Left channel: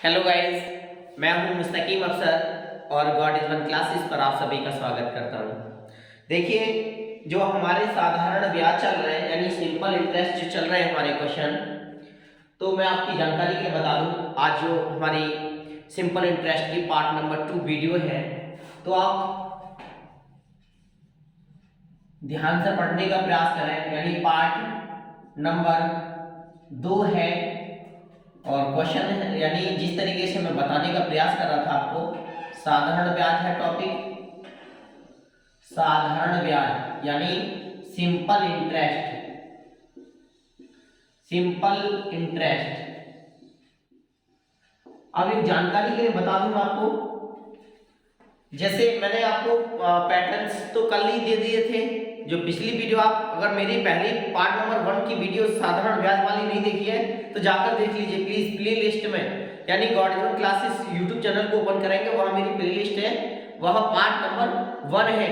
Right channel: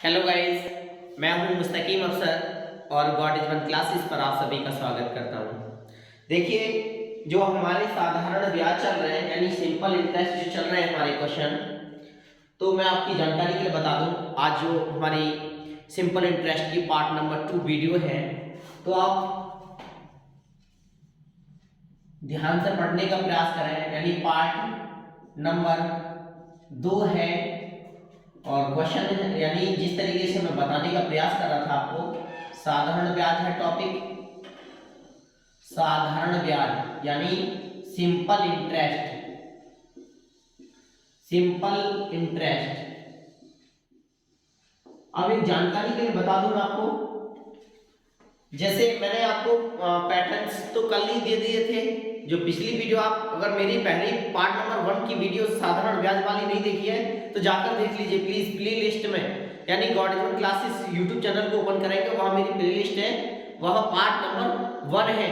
Hello guys, मैं हूं मुस्तकीम अफसर और गॉड इज वन क्लासेस पर आप सभी का स्वागत करता हूं। देखिए, जो हमारे साधारण ब्याज चल रहे हैं यानी सिंपल इंटरेस्ट जो चल रहे हैं हमारे क्वेश्चन, तो मैं आपकी जानकारी के लिए बता दूं, आज जो हमारी सिंपल इंटरेस्ट की पार्ट नंबर 2 वीडियो है, तो आप ध्यान से पढ़ने का प्रयास करें। यानी पार्ट नंबर 2 है और क्वेश्चन यानी जिस तरीके से मैं बताने का प्रयास कर रहा था आपको, साधारण ब्याज है टॉपिक, साधारण ब्याज यानी सिंपल इंटरेस्ट, सिंपल इंटरेस्ट। अब एक जानकारी के लिए बता दूं आपको, जैसे मैंने आपको पैटर्न्स तो कल ही दे दिए थे। जो पिछली वीडियो, आप अगर मेरी पहली पार्ट नंबर 1 की वीडियो साधारण ब्याज वाली नहीं देखी है तो जाकर देख लीजिए प्लीज, प्ले लिस्ट में, यानी God is one classes YouTube channel को ओपन करेंगे, वहां मेरी प्ले लिस्ट है, वह पार्ट नंबर 1 है,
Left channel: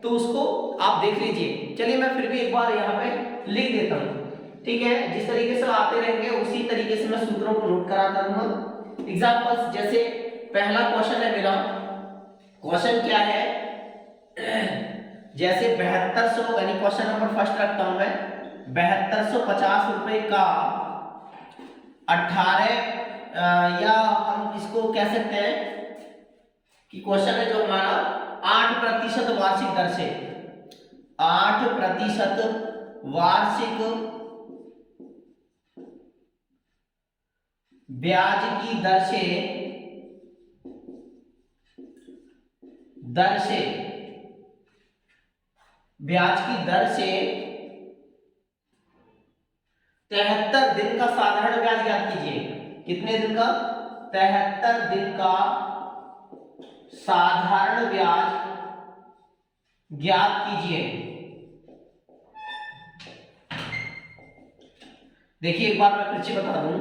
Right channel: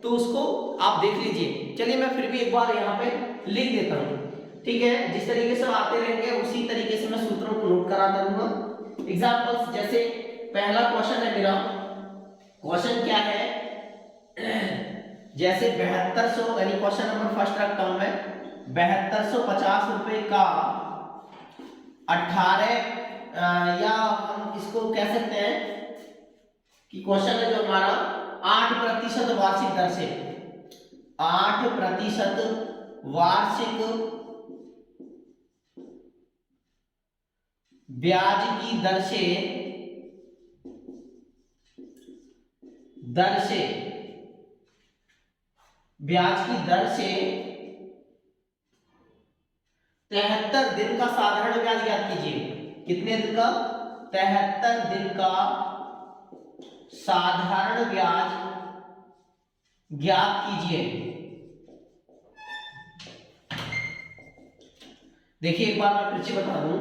तो उसको आप देख लीजिए। चलिए मैं फिर भी एक बार यहाँ पे लिख देता हूँ, ठीक है। जिस तरीके से आते रहेंगे उसी तरीके से मैं सूत्रों को नोट कराता रहूंगा। एग्जाम्पल्स, जैसे पहला क्वेश्चन है मेरा, क्वेश्चन क्या है, जैसे 7200, यानी क्वेश्चन नंबर फर्स्ट रखता हूं मैं, 7250 रुपए का 18 या हम इसको कह सकते हैं कि क्वेश्चन है जो हमारा 8% वार्षिक दर से, 8% वार्षिक ब्याज की दर से ब्याज की दर से 73 दिन का साधारण ब्याज ज्ञात कीजिए। कितने दिन का? 73 दिन का साधारण ब्याज ज्ञात कीजिए। देखिए एक बार मैं फिर से बता दूं,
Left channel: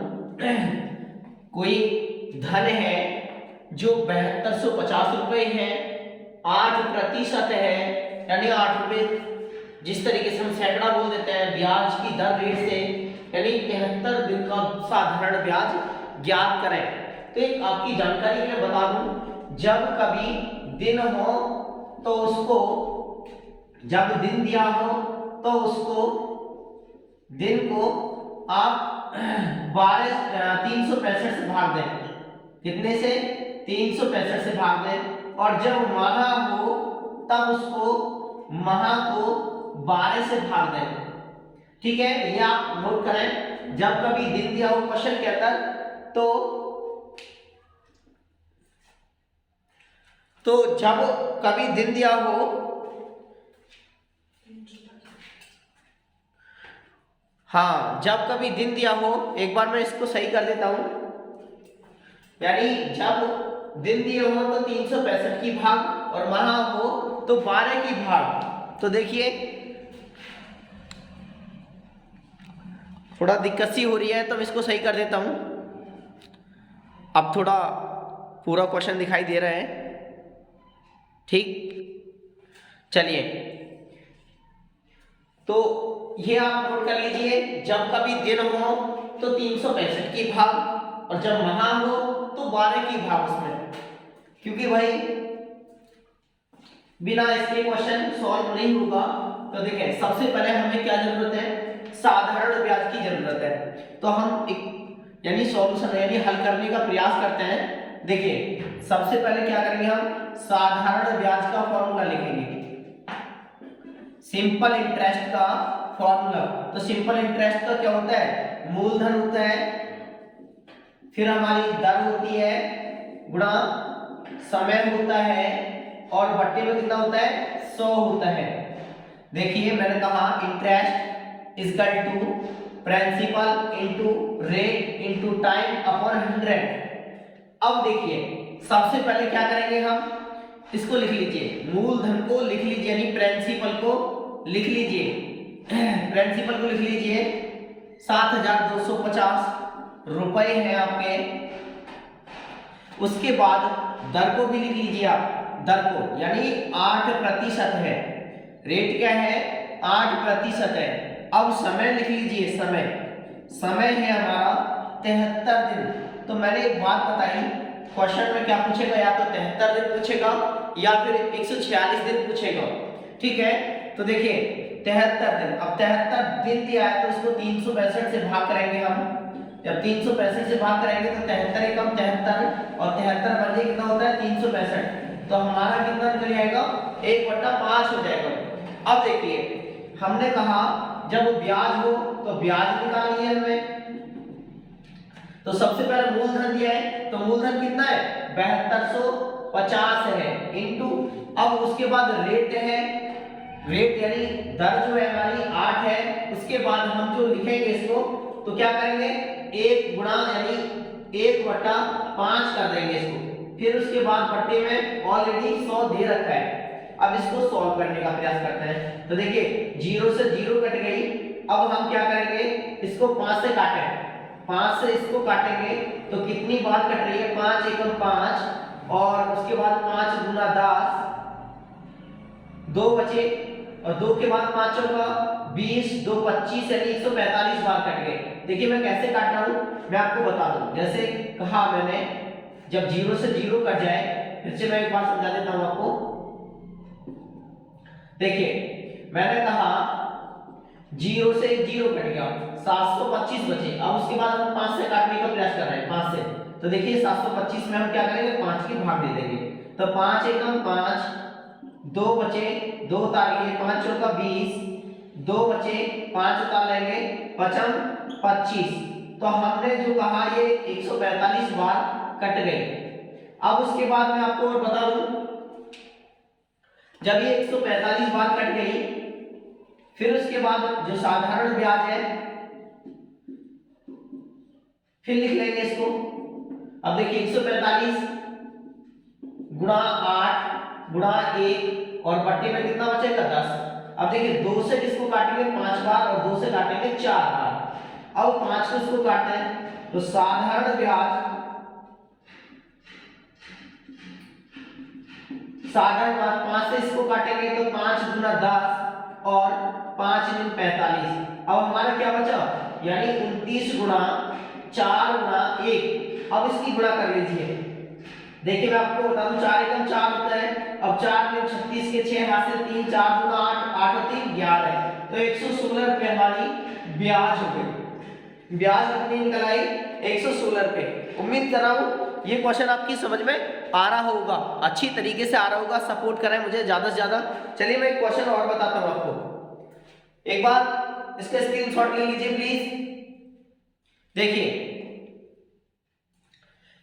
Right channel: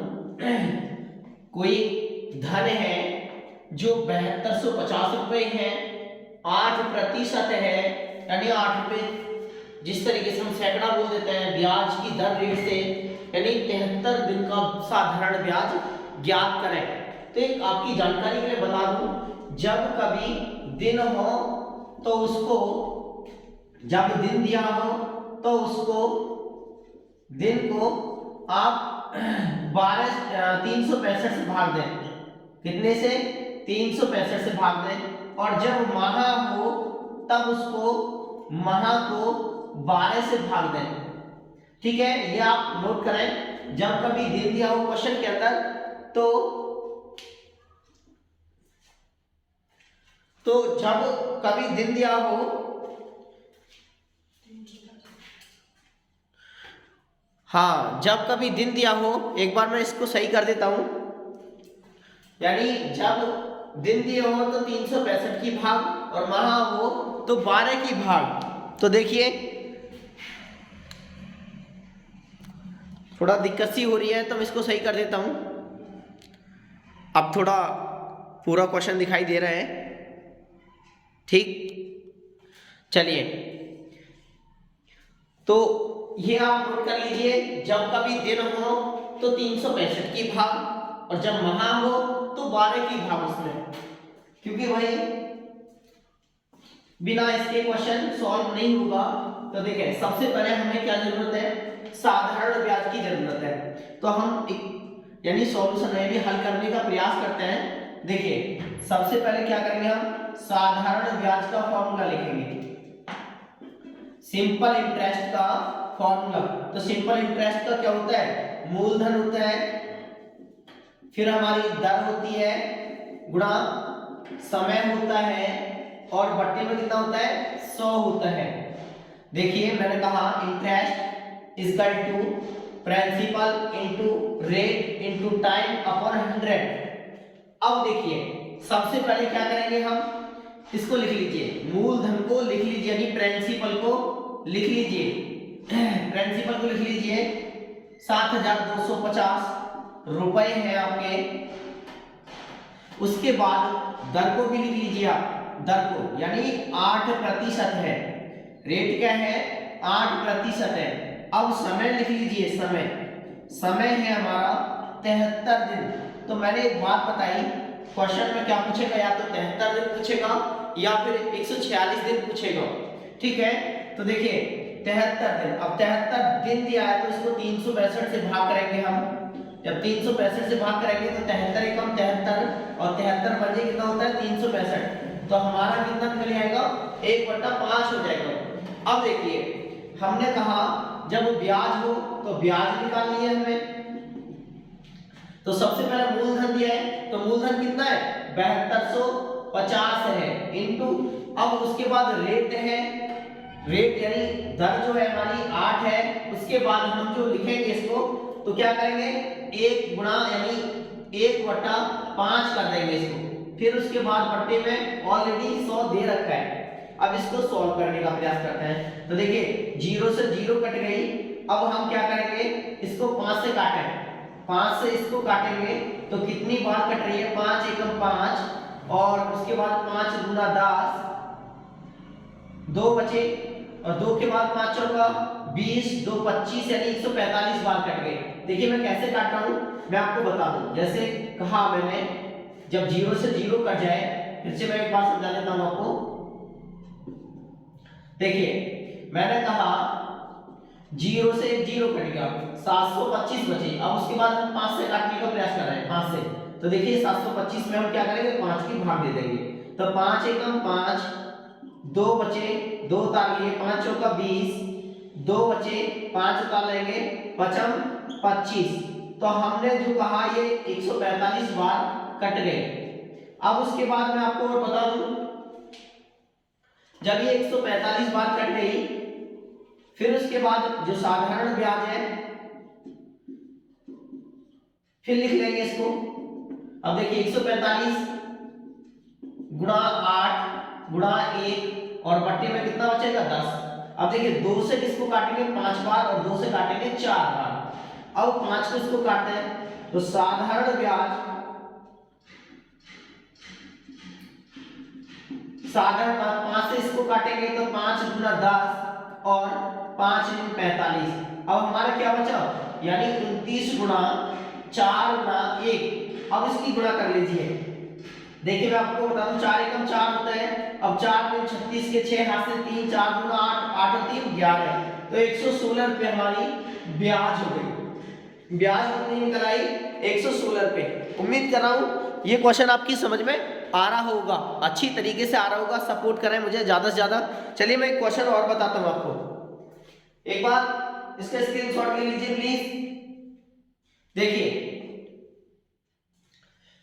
कोई धन है जो 7250 रुपए है, 8% है, यानी 8 रुपए, जिस तरीके से हम सैकड़ा बोल देते हैं ब्याज की दर रेट से, यानी 73 दिन का साधारण ब्याज ज्ञात करें। तो एक आपकी जानकारी के लिए बता दूं, जब कभी दिन हो तो उसको, जब दिन दिया हो तो उसको, दिन को आप 365 से भाग दें। कितने से? 365 से भाग दें। और जब माह हो तब उसको माह को 12 से भाग दें। ठीक है, ये आप नोट करें। जब कभी दिन दिया हो क्वेश्चन के अंदर, तो जब कभी दिन दिया हो, हाँ, जब कभी दिन दिया हो, एक बार मैं इसको सही कर देता हूं, यानी जब दिन दिए हो तो 365 की भाग और माह हो तो 12 की भाग। तो देखिए थोड़ा दिक्कत सी हो रही है तो मैं इसको सही कर देता हूं। अब थोड़ा पूरा क्वेश्चन दिखाई दे रहा है, ठीक। चलिए, तो ये आप नोट कर लीजिए, जब कभी दिन हो तो 365 की भाग और जब माह हो तो 12 की भाग उसमें, क्योंकि भाई बिना इसके क्वेश्चन सॉल्व नहीं होगा। तो देखिए सबसे पहले हमें क्या जरूरत है? साधारण ब्याज की जरूरत है। तो हम एक यानी सॉल्यूशन यानी हल करने का प्रयास करते हैं। देखिए सबसे पहले क्या करेंगे, हम साधारण ब्याज का फॉर्मूला लिखेंगे, सिंपल इंटरेस्ट का फॉर्मूला। तो सिंपल इंटरेस्ट का क्या होता है? मूलधन होता है, फिर हमारी दर होती है, गुणा समय होता है, और बट्टे में कितना होता है? 100 होता है। देखिए मैंने कहा interest equal to principal into rate into time upon 100। अब देखिए सबसे पहले क्या करेंगे, हम इसको लिख लीजिए, मूलधन को लिख लीजिए, यानी प्रिंसिपल को लिख लीजिए, प्रिंसिपल को लिख लीजिए 7250 रुपए है आपके। उसके बाद दर को भी लिख लीजिए आप, दर को, यानी 8% है, रेट क्या है? 8% है। अब समय लिख लीजिए, समय है हमारा 73 दिन, तो मैंने एक बात बताई, क्वेश्चन में क्या पूछेगा, या तो 73 दिन पूछेगा या फिर 146 दिन पूछेगा। ठीक है, तो देखिए 73 दिन, अब 73 दिन दिया है तो इसको 362 से भाग करेंगे हम। जब 365 से भाग करेंगे तो 73 एकम 73 और 73 बजे कितना होता है 365, तो हमारा कितना निकल जाएगा 1/5 हो जाएगा। अब देखिए हमने कहा जब ब्याज हो तो ब्याज निकालनी है हमें, तो सबसे पहले मूलधन दिया है तो मूलधन कितना है 7250 है इनटू, अब उसके बाद रेट है, रेट यानी दर जो है हमारी 8 है, उसके बाद हम जो लिखेंगे इसको तो क्या करेंगे 1 गुणा यानी 1/5 कर देंगे इसको, फिर उसके बाद बट्टे में ऑलरेडी 100 दे रखा है। अब इसको सॉल्व करने का प्रयास करते हैं, तो देखिए 0 से 0 कट गई, अब हम क्या करेंगे इसको 5 से काटें, 5 से इसको काटेंगे तो कितनी बार कट रही है 5 एकम 5 और उसके बाद 5 गुना 10, 2 बचे और 2 के बाद 5 चौका 20, 2 25 यानी 145 बार कट गए। देखिए मैं कैसे काट रहा हूं मैं आपको बता दूं, जैसे कहा मैंने जब 0 से 0 कट जाए, फिर से मैं एक बार समझा देता हूं आपको। देखिए मैंने कहा 0 से 0 कट गया 725 बचे, अब उसके बाद हम 5 से काटने का प्रयास कर रहे हैं 5 से, तो देखिए 725 में हम क्या करेंगे 5 की भाग दे देंगे, तो 5 एकम 5, 2 बचे 2 उतार लिए 5 चौका 20, 2 बचे 5 उतार लेंगे 5 25, तो हमने जो कहा ये 145 बार कट गए। अब उसके बाद मैं आपको और बता दूं, जब ये 145 बार कट गई, फिर उसके बाद जो साधारण ब्याज है फिर लिख लेंगे इसको। अब देखिए 145 गुणा 8 गुणा 1 और बट्टे में कितना बचेगा 10। अब देखिए 2 से इसको काटेंगे 5 बार और 2 से काटेंगे 4 बार। अब 5 को इसको काटते हैं तो साधारण ब्याज, साधारण ब्याज 5 से इसको काटेंगे तो 5 गुना 10 और 5 गुना 45। अब हमारा क्या बचा यानी 29 गुना 4 गुना 1। अब इसकी गुणा कर लीजिए, देखिए मैं आपको बता दूं 4 एकम 4 होता है, अब 4 में 36 के 6 हाथ से 3, 4 गुना 8, 8 और 3 11, तो 116 रुपए हमारी ब्याज हो गई। ब्याज कितनी निकल आई 116 रुपए। उम्मीद कर रहा हूं ये क्वेश्चन आपकी समझ में आ रहा होगा, अच्छी तरीके से आ रहा होगा, सपोर्ट करें मुझे ज्यादा से ज्यादा। चलिए मैं एक क्वेश्चन और बताता हूं आपको, एक बार इसका स्क्रीनशॉट ले लीजिए प्लीज। देखिए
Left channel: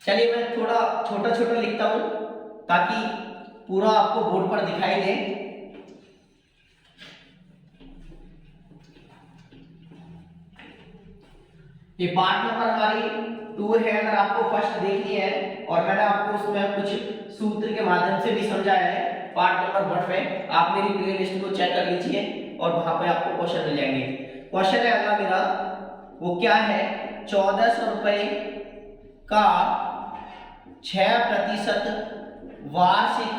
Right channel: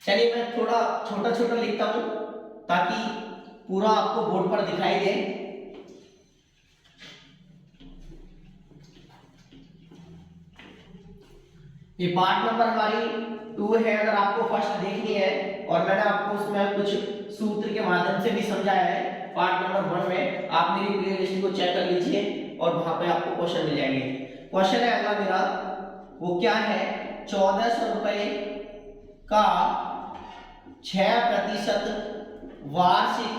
चलिए मैं थोड़ा छोटा छोटा लिखता हूं ताकि पूरा आपको बोर्ड पर दिखाई दे। ये पार्ट नंबर हमारी 2 है, अगर आपको फर्स्ट देखनी है और मैंने आपको उसमें कुछ सूत्र के माध्यम से भी समझाया है पार्ट नंबर 1 में, आप मेरी प्लेलिस्ट को चेक कर लीजिए और वहां पे आपको क्वेश्चन मिल जाएंगे। क्वेश्चन है अगला मेरा, वो क्या है 1400 रुपए का 6% वार्षिक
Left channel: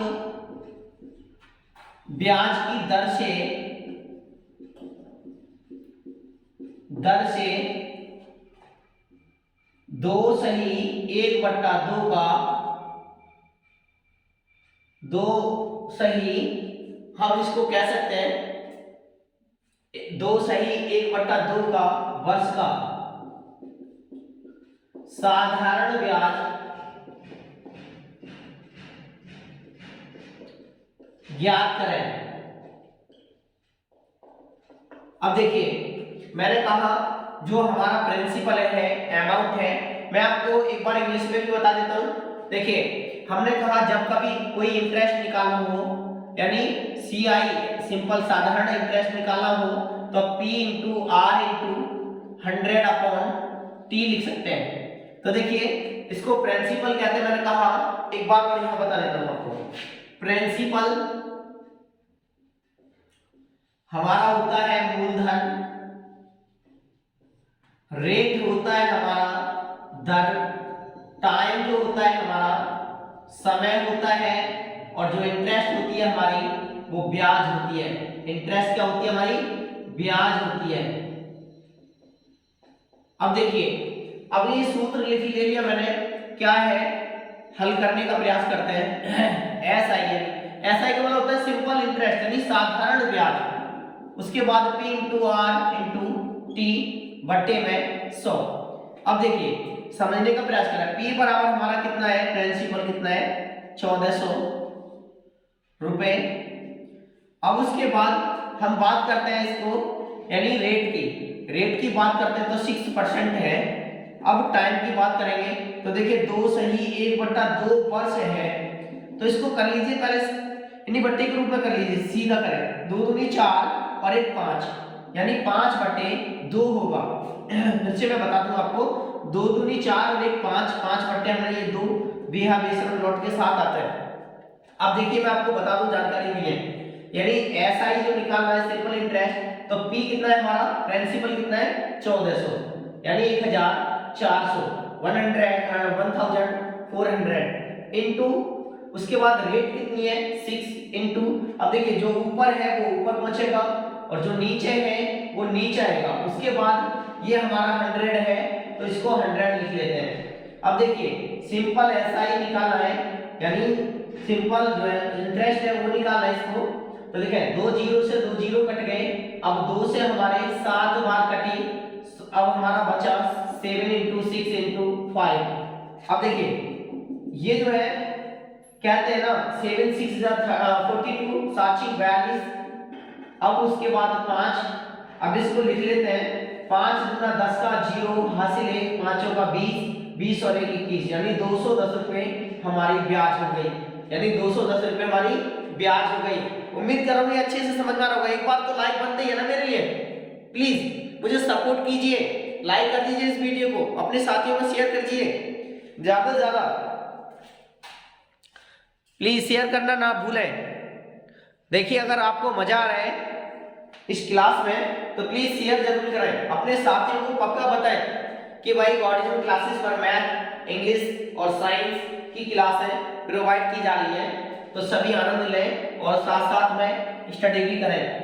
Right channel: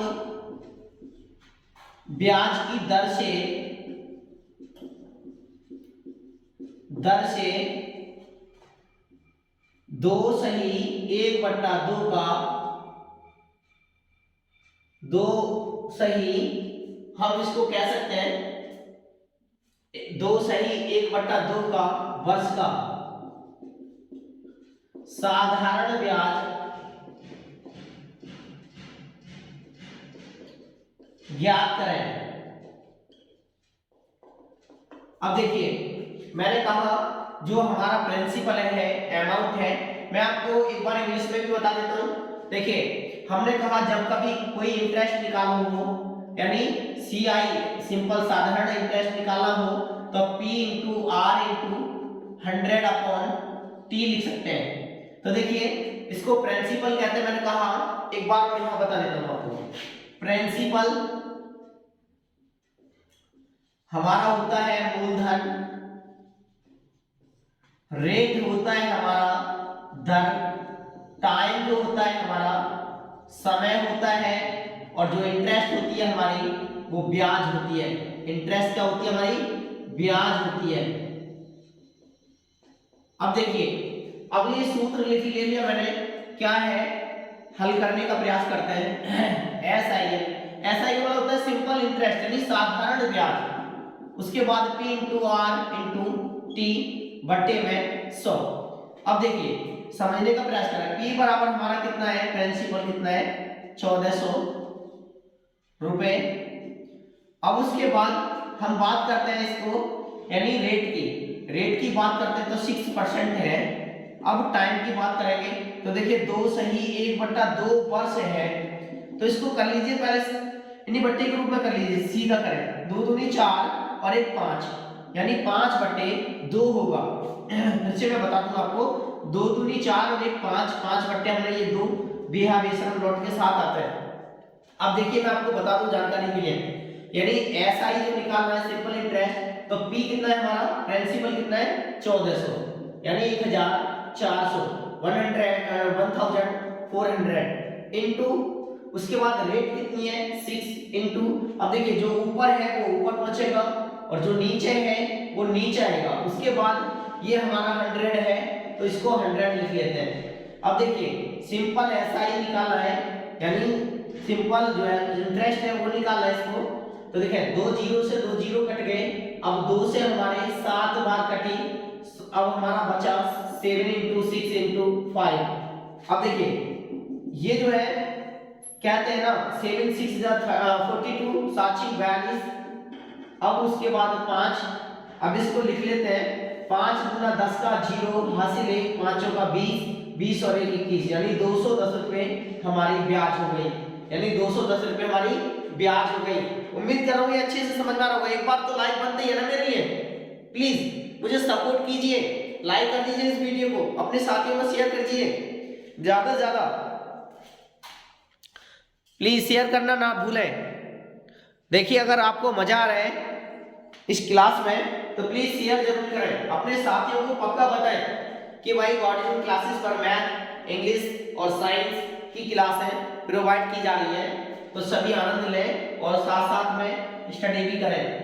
ब्याज की दर से 2 सही 1/2 का 2 सही, हम इसको कह सकते हैं 2 सही 1/2 का वर्ष का साधारण ब्याज ज्ञात करें। अब देखिए मैंने कहा जो हमारा प्रिंसिपल है अमाउंट है, मैं आपको एक बार इंग्लिश में भी बता देता हूं। देखिए हमने कहा जब कभी कोई इंटरेस्ट निकालना हो यानी CI सिंपल साधारण इंटरेस्ट निकालना हो तो P into R into 100/T लिख सकते हैं। तो देखिए इसको प्रिंसिपल कहते हैं, मैंने कहा एक बार मैं यहां बता देता हूं आपको। प्रिंसिपल हमारा होता है मूलधन, रेट होता है हमारा दर, टाइम जो होता है हमारा समय होता है, और जो इंटरेस्ट होती है हमारी वो ब्याज होती है। इंटरेस्ट क्या होती है हमारी ब्याज होती है। अब देखिए अब ये सूत्र ले लिया मैंने, क्या है, हल करने का प्रयास करते हैं। एस आई का मतलब होता है सिंपल इंटरेस्ट यानी साधारण ब्याज, उसके बाद P into R into T बट्टे में 100। अब देखिए समझने का प्रयास करें, P बराबर हमारा कितना है, प्रिंसिपल कितना है 1400 रुपए। अब उसके बाद हम बात करते हैं इसको यानी रेट की बात करते हैं तो 6% है। अब टाइम की बात करेंगे तो देखिए 2 सही 1/2 वर्ष है, तो इसको कर लीजिए पहले इन्हीं बट्टे के रूप में कर लीजिए, सीधा करें, 2 दूनी 4 और 1 5 यानी 5/2 होगा। नीचे मैं बता दूं आपको, 2 दूनी 4 और 1 5, 5 बट्टे हमने ये 2 बेहा बेसरम लौट के साथ आता है। अब देखिए मैं आपको बता दूं जानकारी मिले, यानी एसआई जो निकालना है सिंपल इंटरेस्ट, तो पी कितना है हमारा, प्रिंसिपल कितना है 1400 यानी 1400 1400 इनटू उसके बाद रेट कितनी है 6 इनटू, अब देखिए जो ऊपर है वो ऊपर पहुंचेगा और जो नीचे है वो नीचे आएगा। उसके बाद ये हमारा 100 है तो इसको 100 लिख लेते हैं। अब देखिए सिंपल एसआई निकालना है यानी सिंपल जो है इंटरेस्ट है वो निकालना है इसको, तो देखिए 2 जीरो से 2 जीरो कट गए, अब 2 से हमारे 7 बार कटी, अब हमारा बचा 7 इंटू 6 इंटू 5। अब देखिए ये जो है कहते हैं ना 7 6 42 7 42, अब उसके बाद 5, अब इसको लिख लेते हैं 5 गुना 10 का 0 हासिल 1 पांचों का 20 20 और 1 21 यानी 210 रुपए हमारी ब्याज हो गई, यानी 210 रुपए हमारी ब्याज हो गई। उम्मीद करूंगी अच्छे से समझ में आ रहा होगा। एक बार तो लाइक बनते ही है ना मेरे लिए, प्लीज मुझे सपोर्ट कीजिए, लाइक कर दीजिए इस वीडियो को, अपने साथियों को शेयर कर दीजिए ज्यादा से ज्यादा, प्लीज शेयर करना ना भूलें। देखिए अगर आपको मजा आ रहा है इस क्लास में तो प्लीज शेयर जरूर करें, अपने साथियों को पक्का बताएं कि भाई गॉर्डियन क्लासेस पर मैथ इंग्लिश और साइंस की क्लासें प्रोवाइड की जा रही है, तो सभी आनंद लें और साथ साथ में स्टडी भी करें।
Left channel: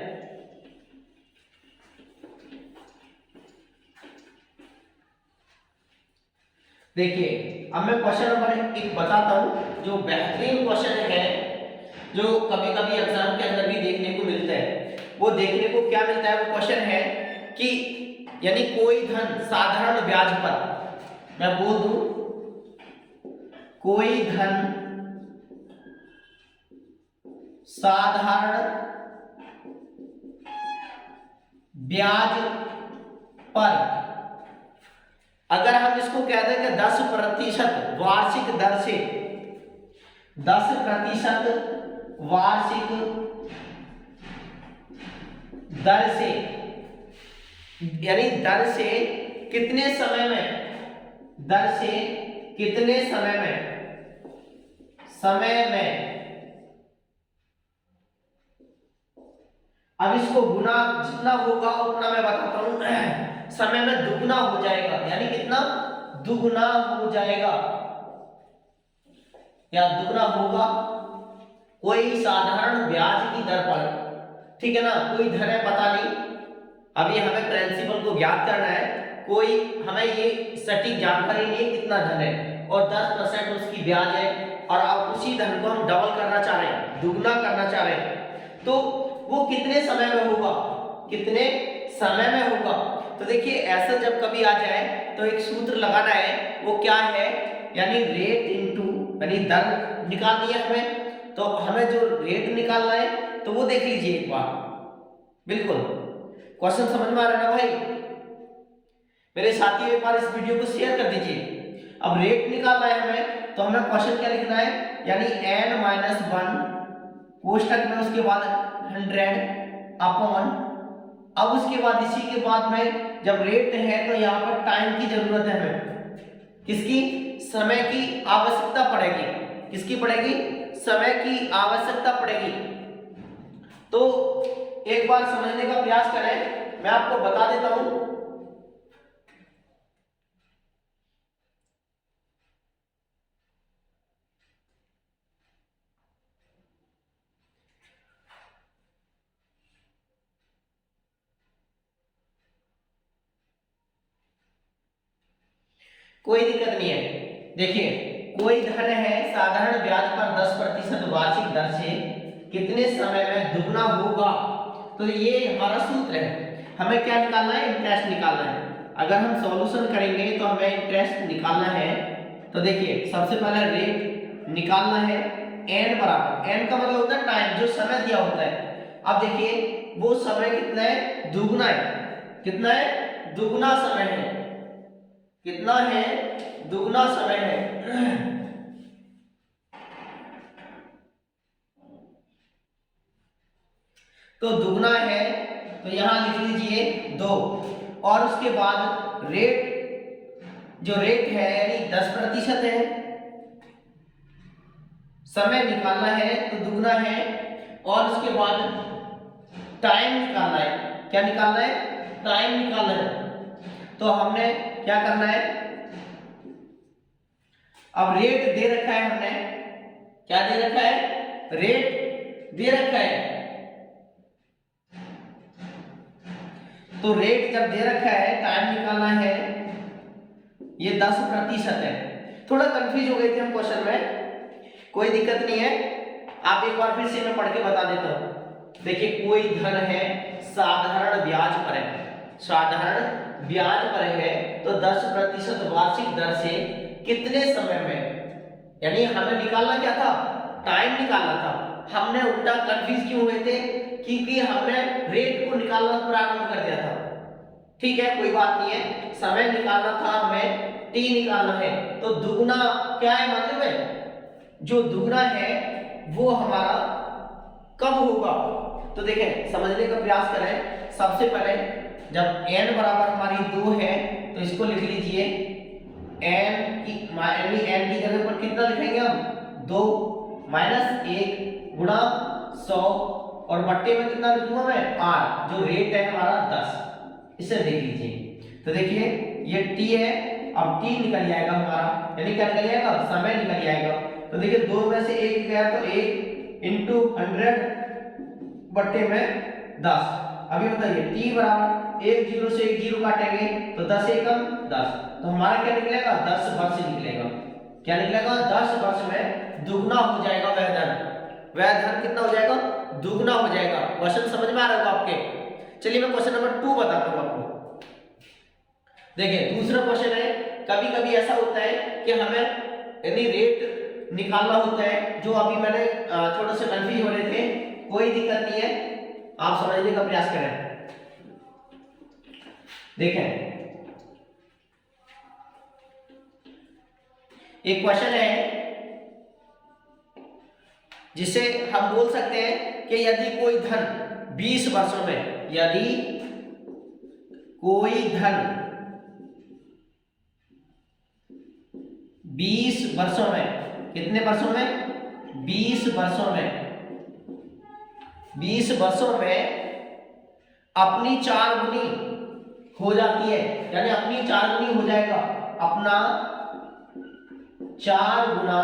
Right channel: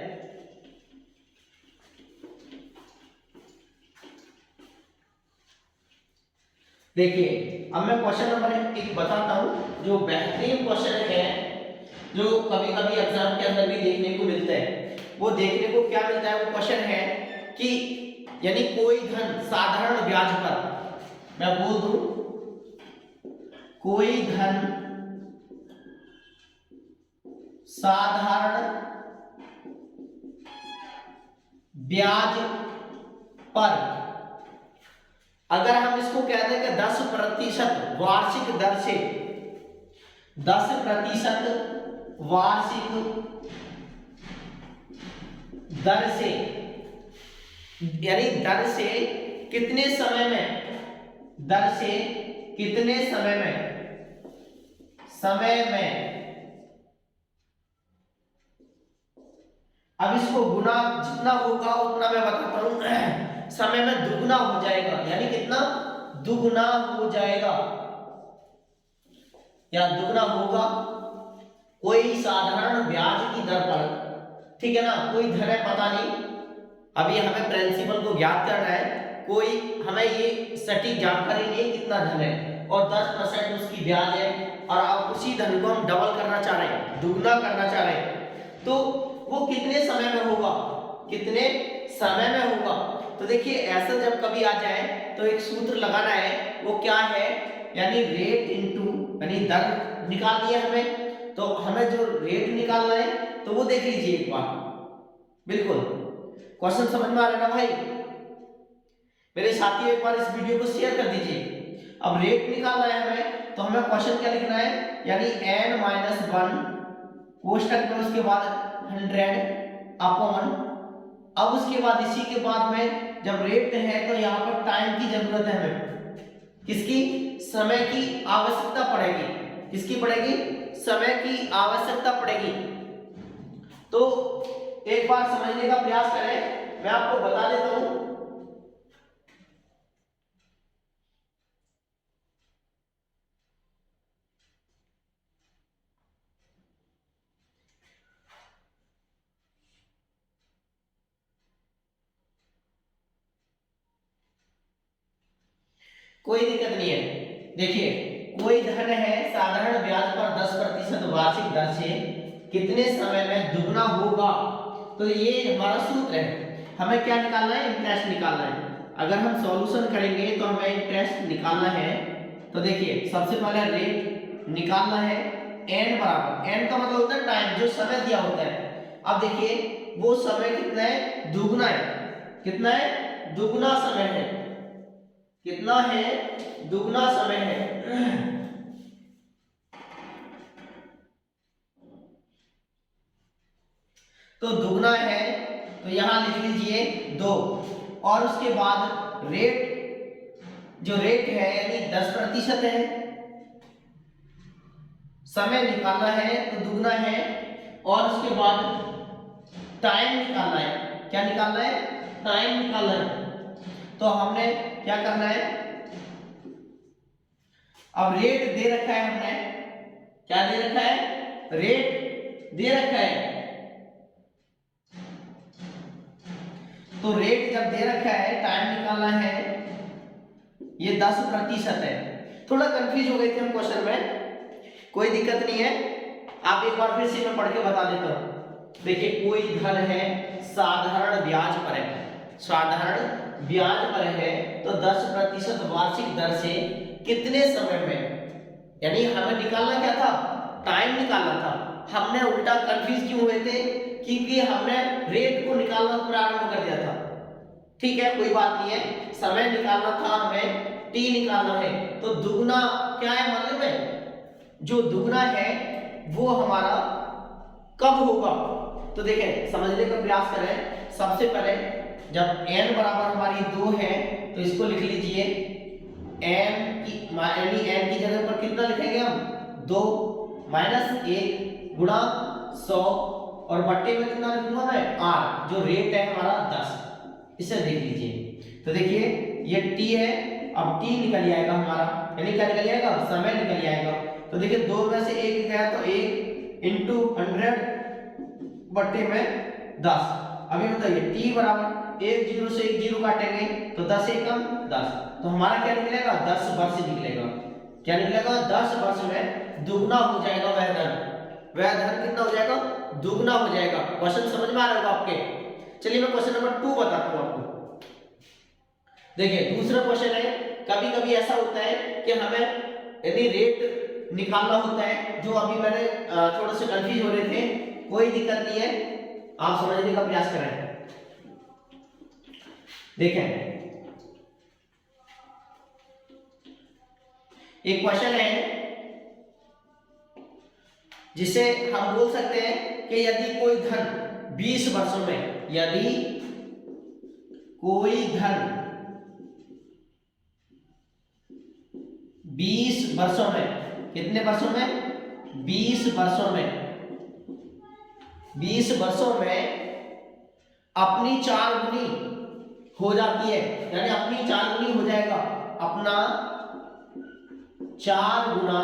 देखिए अब मैं क्वेश्चन नंबर 1 बताता हूं जो बेहतरीन क्वेश्चन है, जो कभी कभी एग्जाम के अंदर भी देखने को मिलता है। वो देखने को क्या मिलता है, वो क्वेश्चन है कि यानी कोई धन साधारण ब्याज पर, मैं बोल दूं कोई धन साधारण ब्याज पर अगर हम इसको कहते हैं कि 10% वार्षिक दर से, 10% वार्षिक दर से यानी दर से कितने समय में, दर से कितने समय में अब इसको गुना जितना होगा उतना मैं बताता हूं, समय में दुगना हो जाएगा, यानी कितना दुगना हो जाएगा या दुगना होगा कोई साधारण ब्याज की दर पर, ठीक है ना। कोई धन है पता नहीं, अभी हमें प्रिंसिपल को ज्ञात करना है, कोई हमें ये सटीक जानकारी नहीं है कितना धन है और 10% उसकी ब्याज है और अब उसी धन को हम डबल करना चाह रहे हैं, दुगना करना चाह रहे हैं, तो वो कितने समय में होगा, कितने समय में होगा। तो देखिए ऐसा जब कभी आ जाए तो एक सूत्र लगाना है, वो क्या है, यानी रेट इनटू यानी दर निकालनी है हमें, तो हमें जो रेट निकालना है तो वो देख लीजिए एक बार, बिल्कुल क्वेश्चन समझ में आ रहा है ना भाई, मेरे साथी एक बार इस वीडियो को शेयर कर दीजिए। अब रेट निकालना है हमें तो हमें क्वेश्चन क्या लिखना है, यानी n-1 कोष्टक में उसके बाद 100 अपॉन, अब उसके बाद इसी के बाद में जब रेट है तो यहाँ पर टाइम की जरूरत है हमें, किसकी, समय की आवश्यकता पड़ेगी, किसकी पड़ेगी, समय की आवश्यकता पड़ेगी। तो एक बार समझने का प्रयास करें, मैं आपको बता देता हूं। कोई दिक्कत नहीं है। देखिए कोई धन है साधारण ब्याज पर 10% वार्षिक दर से कितने समय में दुगना होगा, तो ये हमारा सूत्र है। हमें क्या निकालना है, इंटरेस्ट निकालना है। अगर हम सॉल्यूशन करेंगे तो हमें इंटरेस्ट निकालना है। तो देखिए सबसे पहले रेट निकालना है, एन बराबर, एन का मतलब होता है टाइम, जो समय दिया होता है। अब देखिए वो समय कितना है, दुगना है। कितना है, दुगना समय है। कितना है, दुगना समय है। तो दुगना है तो यहां लिख लीजिए 2, और उसके बाद रेट, जो रेट है यानी 10% है। समय निकालना है तो दुगना है, और उसके बाद टाइम निकालना है। क्या निकालना है, टाइम निकालना है। तो हमने क्या करना है, अब रेट दे रखा है हमने, क्या दे रखा है, रेट दे रखा है। तो रेट जब दे रखा है, टाइम निकालना है, ये 10% है। थोड़ा कंफ्यूज हो गए थे हम क्वेश्चन में, कोई दिक्कत नहीं है, आप एक बार फिर से मैं पढ़ के बता देता हूं। देखिए कोई धन है साधारण ब्याज पर है, साधारण ब्याज पर है, तो 10% वार्षिक दर से कितने समय में, यानी हमें निकालना क्या था, टाइम निकालना था। हमने उल्टा कंफ्यूज क्यों हुए थे, क्योंकि हमने रेट को निकालना प्रारंभ कर दिया था। ठीक है कोई बात नहीं है, समय निकालना था हमें, टी निकालना है। तो दुगना क्या है, मतलब है जो दुगना है वो हमारा कब होगा। तो देखें समझने का प्रयास करें। सबसे पहले जब n बराबर हमारी 2 है तो इसको लिख लीजिए n की, यानी n की जगह पर कितना लिखेंगे हम, 2 माइनस 1 गुणा 100, और बट्टे में कितना लिखूंगा मैं, r, जो रेट है हमारा 10। इसे देख लीजिए। तो देखिए ये t है, अब t निकल जाएगा हमारा, यानी क्या निकल जाएगा, समय निकल जाएगा। तो देखिए 2 में से 1 गया तो 1 इंटू 100 बट्टे में 10। अभी बताइए t बराबर 1 0 से 1 0 काटेंगे तो 10 एकम 10, तो हमारा क्या निकलेगा, 10 वर्ष निकलेगा। क्या निकलेगा, 10 वर्ष में दुगना हो जाएगा वह धन। वह धन कितना हो जाएगा, दुगना हो जाएगा। क्वेश्चन समझ में आ रहा होगा आपके। चलिए मैं क्वेश्चन नंबर 2 बताता हूं आपको। देखिए दूसरा क्वेश्चन है, कभी कभी ऐसा होता है कि हमें यदि रेट निकालना होता है, जो अभी मैंने थोड़ा सा कंफ्यूज हो रहे थे, कोई दिक्कत नहीं है, आप समझने का प्रयास करें। देखें एक क्वेश्चन है जिसे हम बोल सकते हैं कि यदि कोई धन 20 वर्षों में, यदि कोई धन 20 वर्षों में, कितने वर्षों में, 20 वर्षों में, 20 वर्षों में अपनी 4 गुनी हो जाती है, यानी अपनी 4 गुनी हो जाएगा, अपना 4 गुना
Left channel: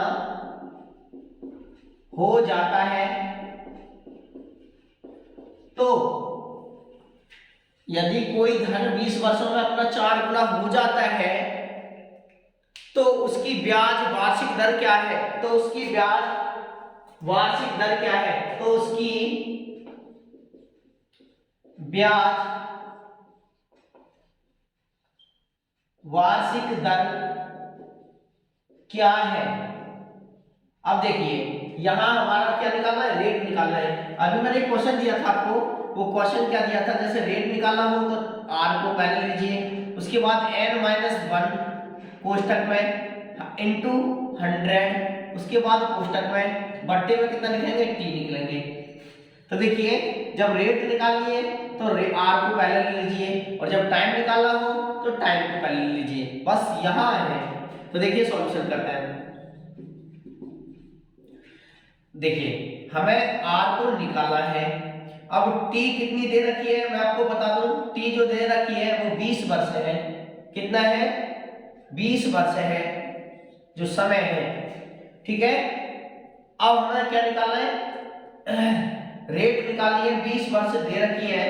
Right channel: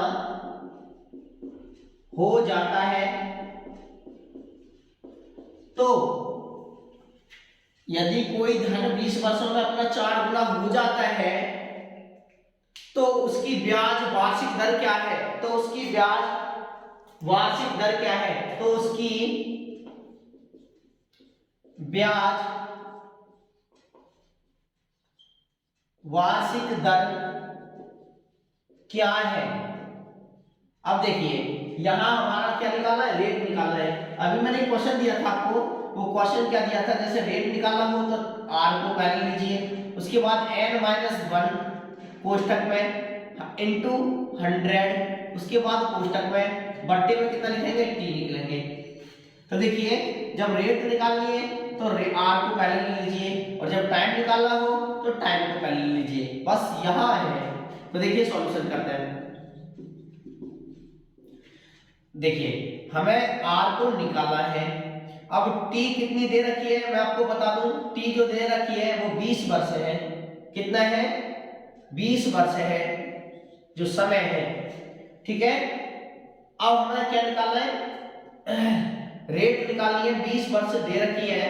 हो जाता है, तो यदि कोई धन 20 वर्षों में अपना 4 गुना हो जाता है तो उसकी ब्याज वार्षिक दर क्या है, तो उसकी ब्याज वार्षिक दर क्या है, तो उसकी ब्याज वार्षिक दर क्या है। अब देखिए यहां हमारा क्या निकालना है, रेट निकालना है। अभी मैंने एक क्वेश्चन दिया था आपको, वो क्वेश्चन क्या दिया था, जैसे रेट निकालना हो तो r को पहले लीजिए, उसके बाद n-1 कोष्टक में इंटू 100, उसके बाद कोष्टक में बट्टे में कितना लिखेंगे, t निकलेंगे। तो देखिए जब रेट निकालनी है तो r को पहले ले लीजिए, और जब टाइम निकालना हो तो टाइम को पहले ले लीजिए, बस यहां है। तो देखिए सॉल्यूशन करते हैं। देखिए हमें r को निकालना है। अब t कितनी दे रखी है मैं आपको बता दूं, t जो दे रखी है वो 20 वर्ष है। कितना है, 20 वर्ष है जो समय है, ठीक है। अब हमें क्या निकालना है, रेट निकालनी है, 20 वर्ष दे रखी है,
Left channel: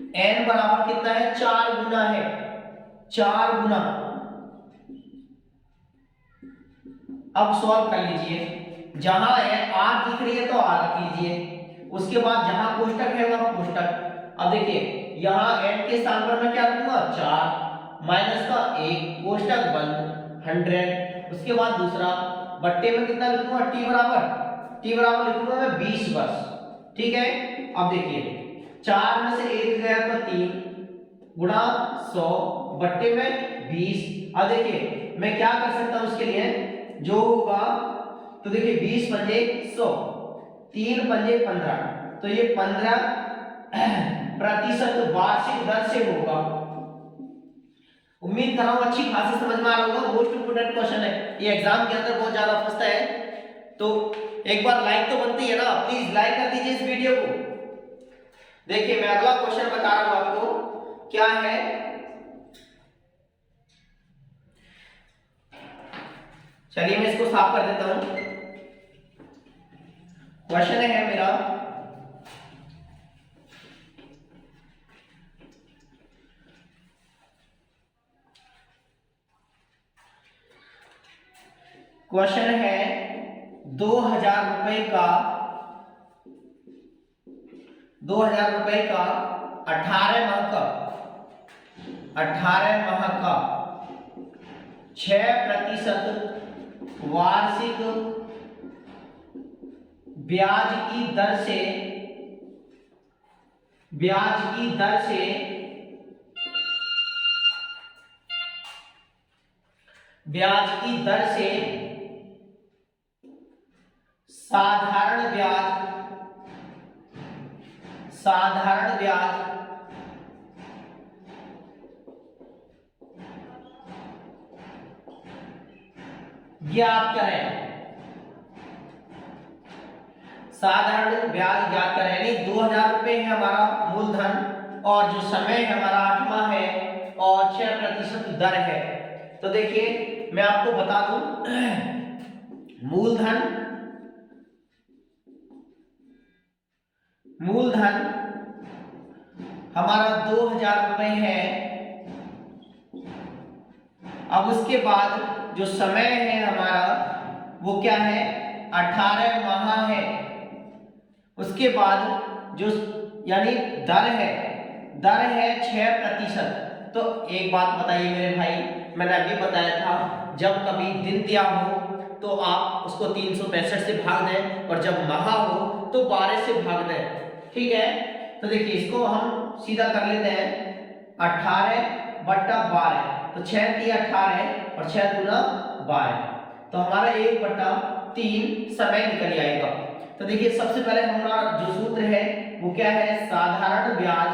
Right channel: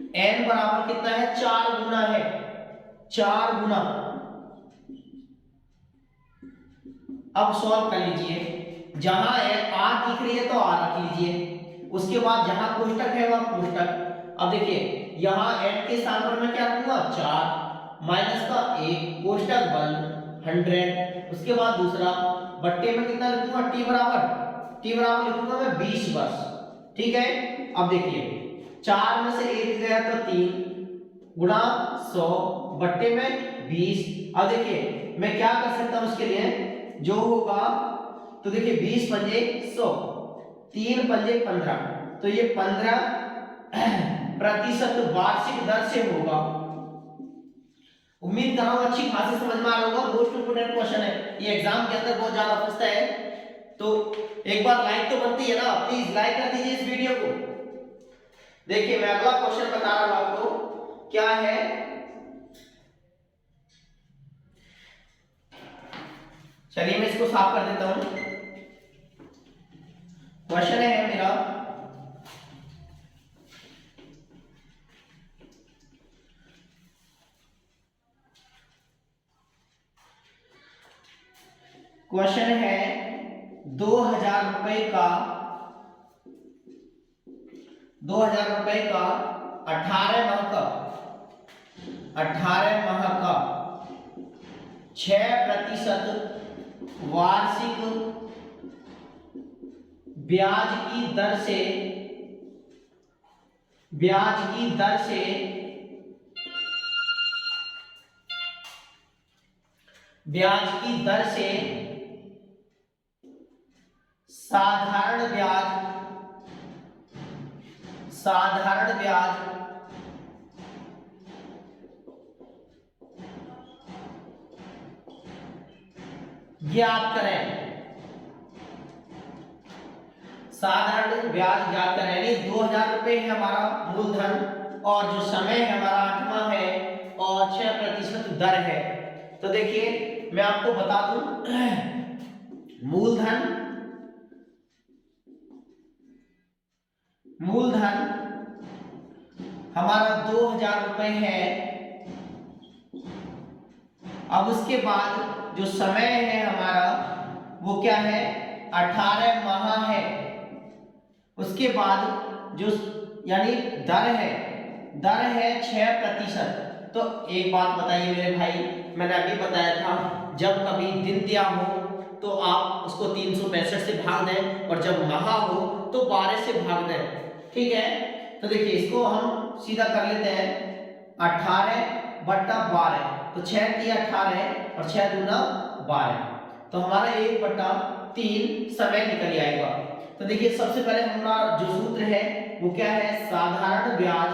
n बराबर कितना है, 4 गुना है, 4 गुना, अब सॉल्व कर लीजिए। जहां आर दिख रही है तो आर रख लीजिए, उसके बाद जहां कोष्टक है वहां कोष्टक। अब देखिए यहाँ n के स्थान पर मैं क्या रखूंगा 4 माइनस का 1 कोष्टक बंद 100। उसके बाद दूसरा बट्टे में कितना लिखूंगा t बराबर लिखूंगा मैं 20 वर्ष। ठीक है। अब देखिए 4 में से 1 गया तो 3 गुणा 100 बट्टे में 20। अब देखिए मैं क्या कर सकता हूं इसके लिए जो होगा, तो देखिए 20 पंजे 100 3 पंजे 15, तो ये 15% वार्षिक दर से होगा। उम्मीद कर रहा हूं अच्छी खासी समझ में आ रहा होगा। मोस्ट इंपोर्टेंट क्वेश्चन है ये, एग्जाम के अंदर बहुत ज्यादा पूछता है, तो एक बार लाइक तो बनती है ना, प्लीज लाइक कर दीजिए इस वीडियो को। देखिए मैं अगला क्वेश्चन बता रहा हूं आपको क्या है। चलिए मैं इसको साफ कर देता हूं। क्वेश्चन है मेरा क्वेश्चन है 2000 रुपए का 18 माह का 6% वार्षिक ब्याज की दर से ब्याज की दर से ब्याज की दर से साधारण ब्याज ज्ञात करें। साधारण ब्याज ज्ञात करें, यानी 2000 रुपए है हमारा मूलधन और जो समय है हमारा 8वां है और 6% दर है। तो देखिए मैं आपको बता दूं मूलधन हमारा 2000 रुपए है। अब उसके बाद जो समय है हमारा वो क्या है 18 माह है। उसके बाद जो यानी दर है 6%। तो एक बात बताइए मेरे भाई, मैंने अभी बताया था जब कभी दिन दिया हो तो आप उसको 365 से भाग दें और जब माह हो तो 12 से भाग दें। ठीक है। तो देखिए इसको हम सीधा कर लेते हैं 18/12, तो 6 × 18 और 6 दूना 12, तो हमारा 1/3 समय निकल जाएगा। तो देखिए सबसे पहले हमारा जो सूत्र है वो क्या है, साधारण ब्याज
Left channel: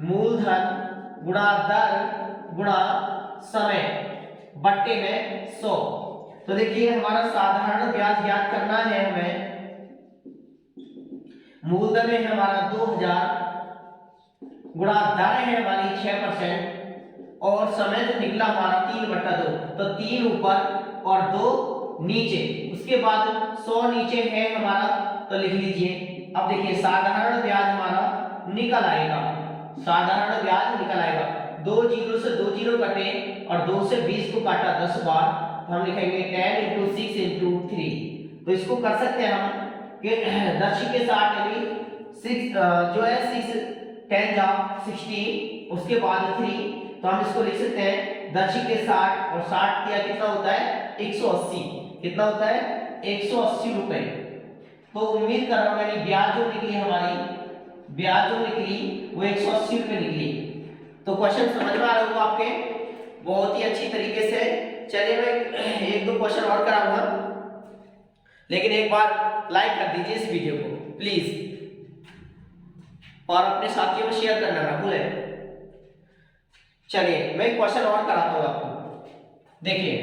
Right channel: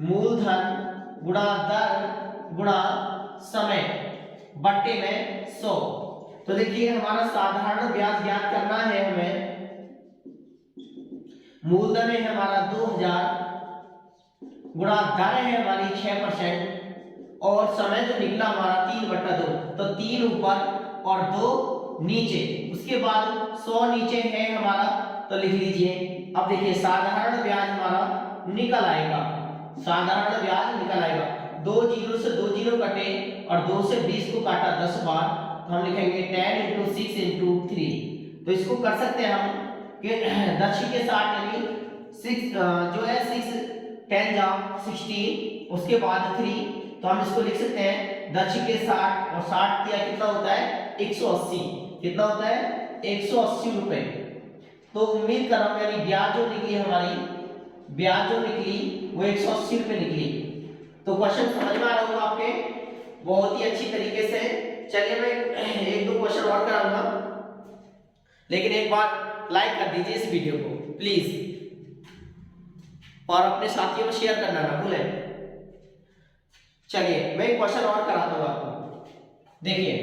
मूलधन गुणा दर गुणा समय बट्टे में 100। तो देखिए हमारा साधारण ब्याज ज्ञात करना है हमें। मूलधन है हमारा 2000 गुणा दर है हमारी 6% और समय जो निकला हमारा 3/2, तो 3 ऊपर और 2 नीचे। उसके बाद 100 नीचे है हमारा, तो लिख लीजिए। अब देखिए साधारण ब्याज हमारा निकल आएगा, दो जीरो से 2 जीरो कटे और 2 से 20 को काटा 10 बार, तो हम लिखेंगे 10 × 6 × 3। तो इसको कर सकते हैं हम कि 10 के 60 यानी 6 जो है 6 10 जा 16, उसके बाद 3, तो हम इसको लिख सकते हैं 10 के 60 और 60 दिया कितना होता है 180। कितना होता है 180 रुपए। तो उम्मीद कर रहा हूं यानी ब्याज जो निकली वो 180 रुपए निकली। तो क्वेश्चन समझ में आ रहा होगा आपके बहुत ही अच्छी तरीके से। चलिए मैं एक दो क्वेश्चन और कराऊंगा, लेकिन एक बार लाइक कर दीजिए इस वीडियो को प्लीज, और अपने साथियों में शेयर करना ना भूलें। चलिए मैं एक क्वेश्चन और कराता हूं आपको। देखिए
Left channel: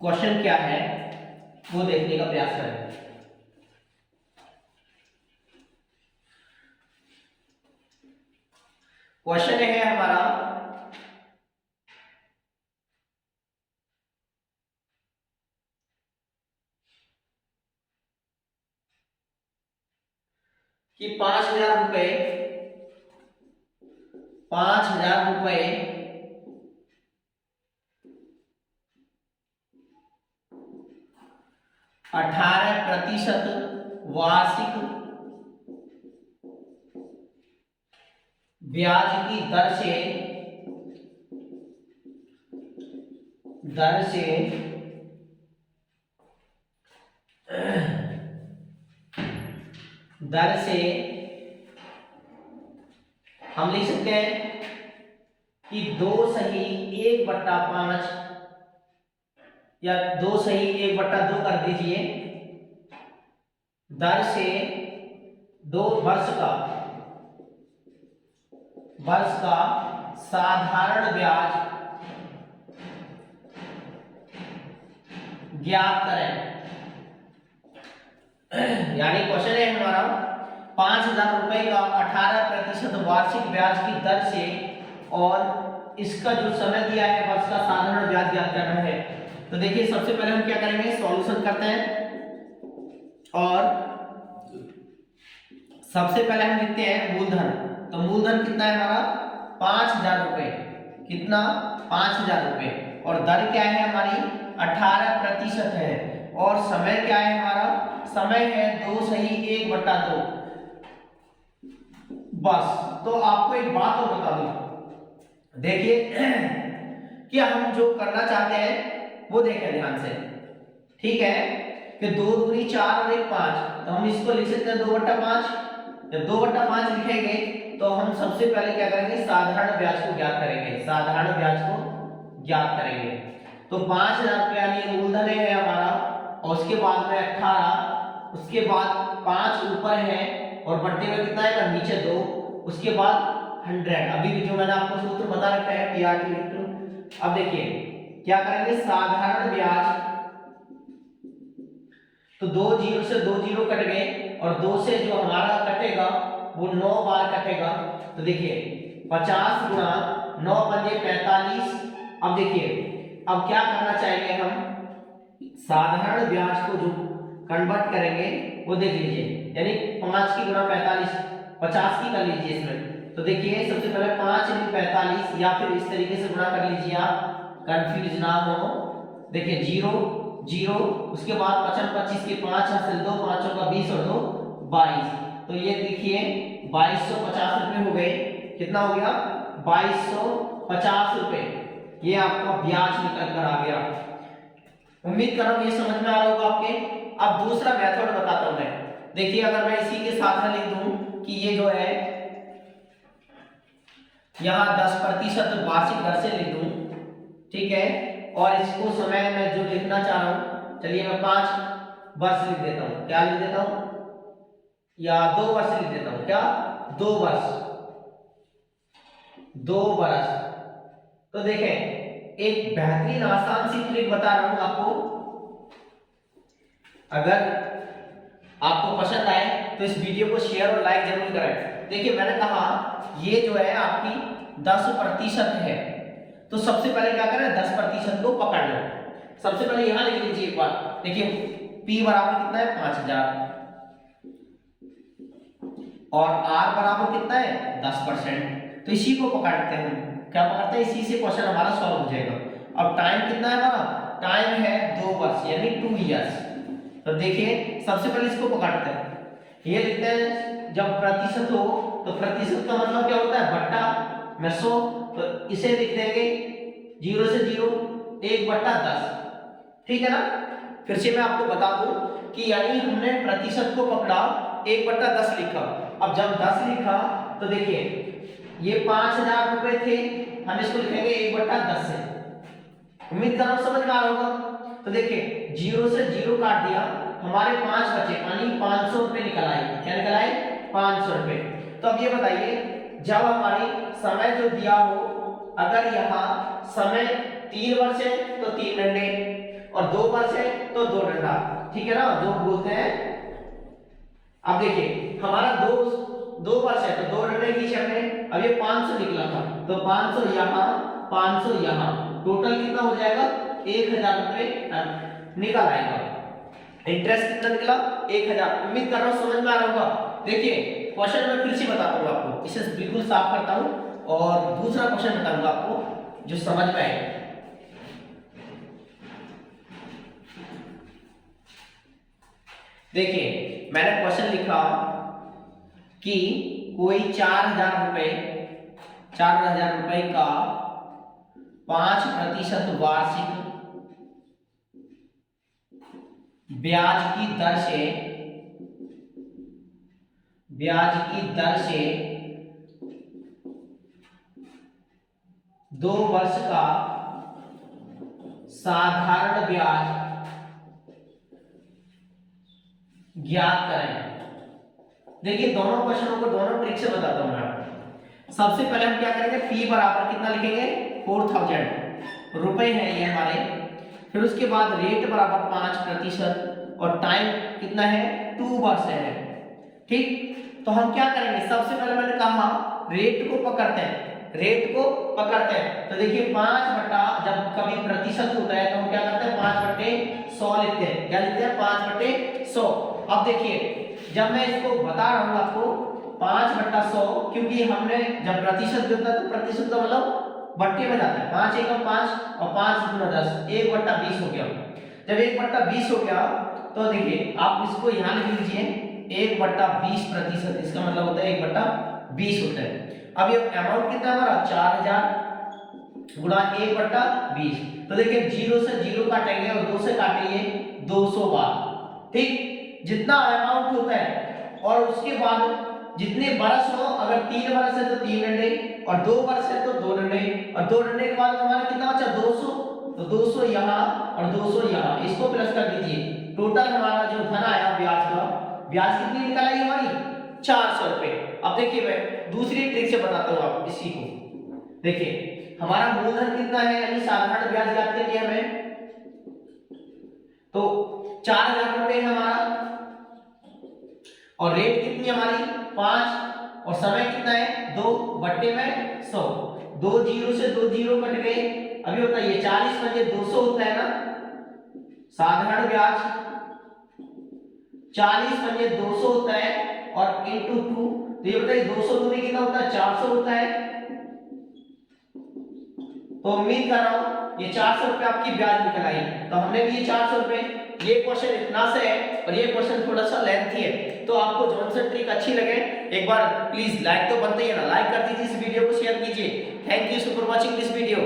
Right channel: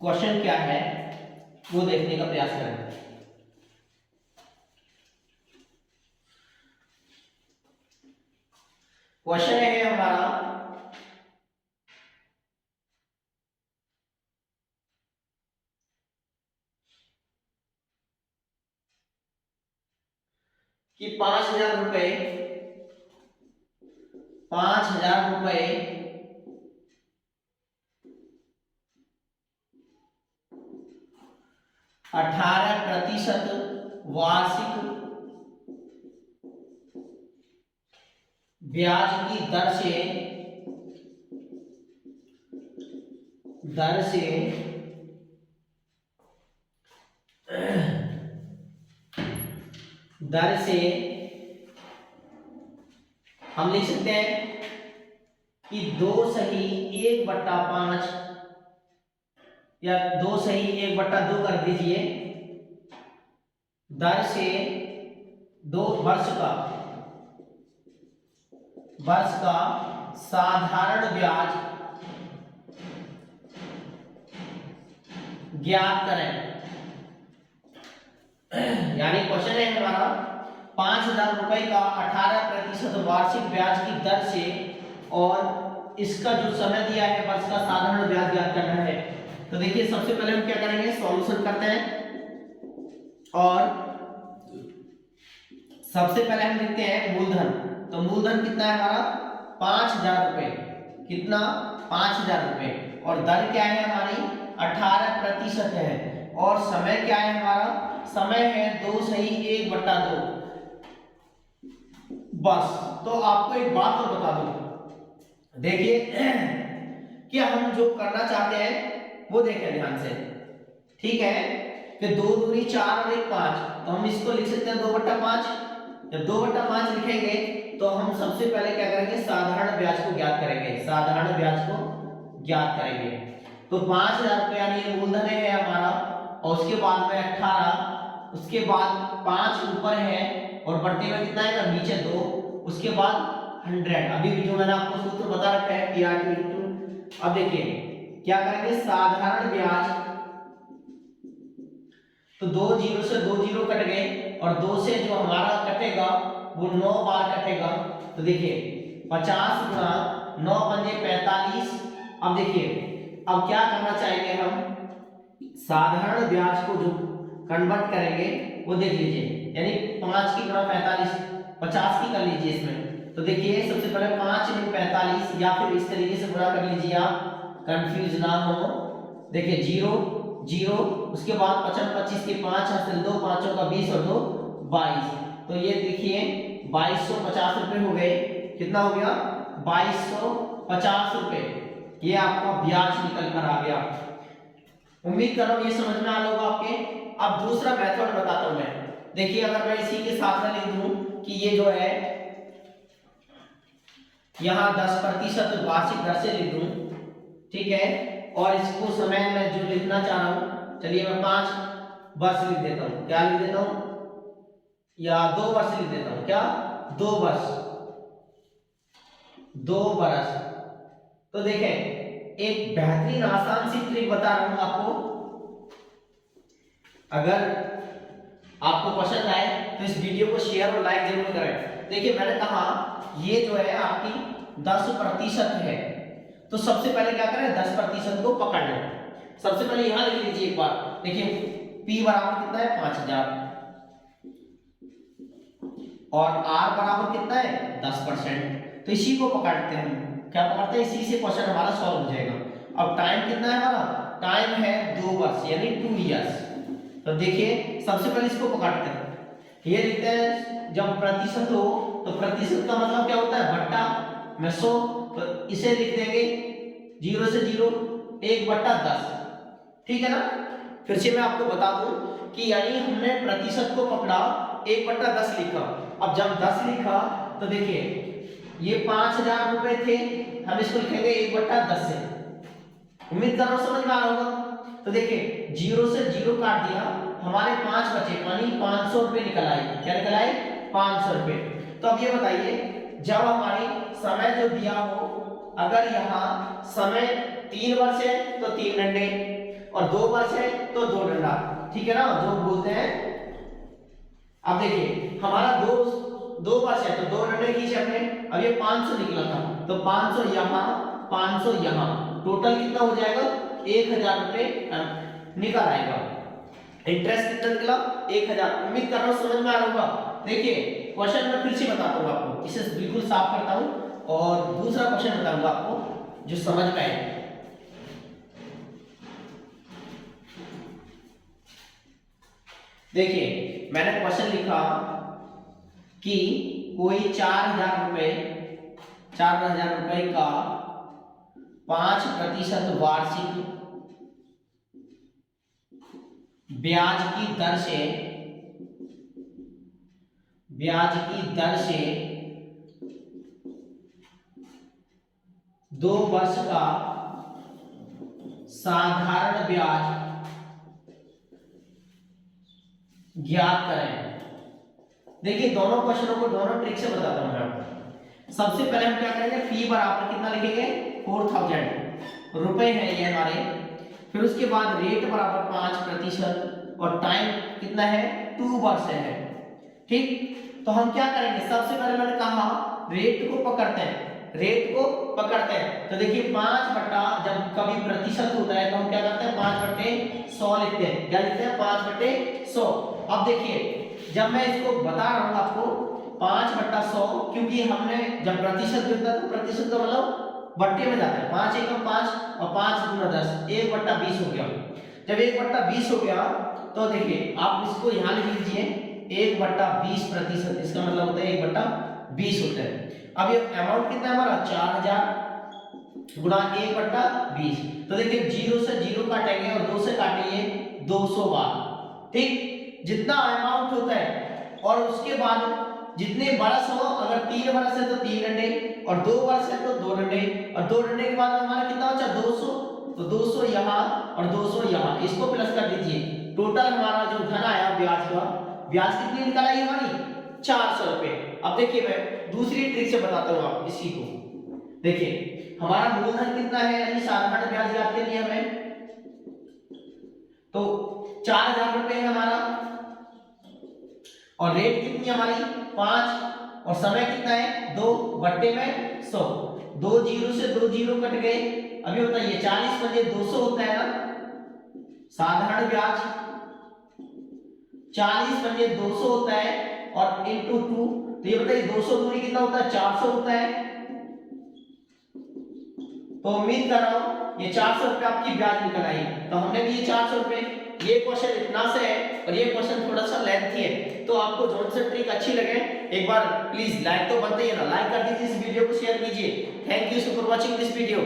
क्वेश्चन क्या है वो देखने का प्रयास करें। क्वेश्चन है हमारा कि 5000 रुपए 5,000 रुपए 18% वार्षिक ब्याज की दर से हम लिख सकते हैं कि 2/1/5 या 2/1/2 कर दीजिए, दर से 2 वर्ष का साधारण ब्याज ज्ञात करें। यानी क्वेश्चन है हमारा 5,000 रुपए का 18% वार्षिक ब्याज की दर से और इसका जो समय दिया है वर्ष का साधारण ब्याज ज्ञात करना है। तो देखिए सबसे पहले हम क्या करेंगे, सॉल्यूशन करते हैं और सबसे पहले हम लिखते हैं मूलधन। तो मूलधन कितना है हमारा 5,000 रुपए, कितना 5,000 रुपए, और दर क्या है हमारी 18% है, और समय क्या है हमारा, समय है 2/1/2 बस। तो आपको एक बात और बता दूं, देखिए कि हम जो करना चाहते हैं वो देखें ध्यान से, ठीक है, कि 2 दूनी 4 और 1 5, तो हम इसको लिख सकते हैं 2/5। जब 2/5 लिखेंगे तो हम सबसे पहले क्या करेंगे, साधारण ब्याज को ज्ञात करेंगे, साधारण ब्याज को ज्ञात करेंगे। तो 5,000 रुपये यानी मूलधन है हमारा, और उसके बाद में 18, उसके बाद 5 ऊपर है और बढ़ते हुए कितना है नीचे 2, उसके बाद 100। अभी भी जो मैंने आपको सूत्र बता रखा है PR * अब देखिए क्या करेंगे, साधारण ब्याज, तो 2 0 से 2 0 कट गए और 2 से जो हमारा कटेगा वो 9 बार कटेगा। तो देखिए 50 गुणा 9 बने 45। अब देखिए अब क्या करना चाहेंगे हम, साधारण ब्याज को जो कन्वर्ट करेंगे वो देख लीजिए, यानी 5 की गुणा 45 50 की कर लीजिए इसमें। तो देखिए सबसे पहले 5 × 45 या फिर इस तरीके से गुणा कर लीजिए, आप कंफ्यूज ना हो। देखिए 0 0, उसके बाद 55 25 के 5 हासिल 2 5 का 20 और 2 22। तो ये देखिए 2250 रुपए हो गए, कितना हो गया 2250 रुपए, ये आपका ब्याज निकल कर आ गया। उम्मीद कर रहा हूं ये समझ में आ रहा होगा आपके। अब दूसरा मेथड बताता हूं मैं, देखिए अगर मैं इसी के साथ में लिख दूं कि ये जो है यहां 10% वार्षिक दर से लिख दूं, ठीक है, और इसको समय में जो लिखना चाह रहा हूं, चलिए मैं 5 वर्ष लिख देता हूं, क्या लिख देता हूं, या 2 वर्ष लिख देता हूं, क्या 2 वर्ष 2 बरस। तो देखें एक बेहतरीन आसान सी ट्रिक बता रहा हूं आपको, अगर आपको पसंद आए तो इस वीडियो को शेयर और लाइक जरूर करें। देखिए मैंने कहा ये जो है आपकी 10% है, तो सबसे पहले क्या करें 10% को पकड़ लें। सबसे पहले यहां लिख लीजिए एक बार, देखिए P बराबर कितना है 5,000 और R बराबर कितना है 10%। तो इसी को पकड़ते हैं, क्या पकड़ते हैं, इसी से क्वेश्चन हमारा सॉल्व हो जाएगा। अब टाइम कितना है हमारा, टाइम है 2 वर्ष यानी 2 इयर्स। तो देखिए सबसे पहले इसको पकड़ते हैं, ये लिखते हैं जब प्रतिशत हो तो प्रतिशत का मतलब क्या होता है बट्टा में 100, तो इसे लिख देंगे 0 से 0 1/10, ठीक है ना। फिर से मैं आपको बता दूं कि यानी हमने प्रतिशत को पकड़ा 1/10 लिखा। अब जब 10 लिखा तो देखिए ये 5,000 रुपए थे, हम इसको लिखेंगे 1/10 से। उम्मीद कर रहा हूं समझ में आ रहा होगा। तो देखिए 0 से 0 काट दिया, हमारे 5 बचे यानी 500 रुपए निकल आए, क्या निकल आए 500 रुपए। तो अब ये बताइए जब हमारी समय जो दिया हो, अगर यहाँ समय 3 वर्ष है तो 3 डंडे और 2 वर्ष है तो 2 डंडा, ठीक है ना, जो बोलते हैं। अब देखिए हमारा 2 वर्ष है तो 2 डंडे खींचे हमने, अब ये 500 निकला था तो 500 यहाँ 500 यहाँ, टोटल कितना हो जाएगा 1,000 रुपए निकल आएगा। इंटरेस्ट कितना निकला 1,000। उम्मीद कर रहा हूं समझ में आ रहा होगा। देखिए क्वेश्चन में फिर से बताता हूं आपको, इसे बिल्कुल साफ करता हूं और दूसरा क्वेश्चन बताऊंगा आपको जो समझ में आएगा। देखिए मैंने क्वेश्चन लिखा कि कोई 4,000 रुपए का 5% वार्षिक ब्याज की दर से 2 वर्ष का साधारण ब्याज ज्ञात करें। देखिए दोनों क्वेश्चनों को दोनों ट्रिक से बताता हूं मैं आपको। सबसे पहले हम क्या करेंगे, फी बराबर कितना लिखेंगे 4000 रुपए है ये हमारे। फिर उसके बाद रेट बराबर 5% और टाइम कितना है 2 वर्ष है। ठीक, तो हम क्या करेंगे, सबसे पहले मैंने कहा रेट को पकड़ते हैं, तो देखिए 5 बटा जब कभी प्रतिशत होता है तो हम क्या करते हैं 5/100 लिखते हैं। क्या लिखते हैं 5/100। अब देखिए जब मैं इसको बता रहा हूं आपको 5/100, क्योंकि हमने जब प्रतिशत होता है तो प्रतिशत का मतलब बट्टे में जाता है। 5 एकम 5 और 5 दूना 10, 1/20 हो गया। जब 1/20 हो गया तो देखिए आप इसको यहां लिख लीजिए 1/20%, इसका मतलब होता है 1/20 होता है। अब ये अमाउंट कितना हमारा 4000 गुणा 1/20। तो देखिए 0 से 0 काटेंगे और 2 से काटेंगे 200 बार। ठीक, जितना अमाउंट होता है और उसके बाद जितने बरस हो, अगर 3 बरस है तो 3 डंडे और 2 वर्ष है तो 2 डंडे, और 2 डंडे के बाद हमारा कितना बचा 200, तो 200 यहाँ और 200 यहाँ, इसको प्लस कर दीजिए। टोटल हमारा जो धन आया ब्याज का, ब्याज कितनी निकल आई हमारी 400 रुपए। अब देखिए मैं दूसरी ट्रिक से बताता हूँ आप इसी को। देखिए हमारा मूलधन कितना है, यानी साधारण ब्याज ज्ञात करनी है हमें, तो 4000 रुपए है हमारा, और रेट कितनी हमारी 5, और समय कितना है 2/100। 2 जीरो से 2 जीरो कट गए। अभी बताइए 40 पंजे 200 होता है ना, साधारण ब्याज 40 पंजे 200 होता है और इंटू 2, तो ये बताइए 200 दूनी कितना होता है 400 होता है। तो उम्मीद कर रहा हूं ये 400 रुपए आपकी ब्याज निकल आई। तो हमने भी ये 400 रुपए, ये क्वेश्चन इतना सा है और ये क्वेश्चन थोड़ा सा लेंथी है, तो आपको जो सा ट्रिक अच्छी लगे एक बार प्लीज लाइक तो बनते ही है ना, लाइक कर दीजिए, इस वीडियो को शेयर कीजिए। Thank you for watching this video.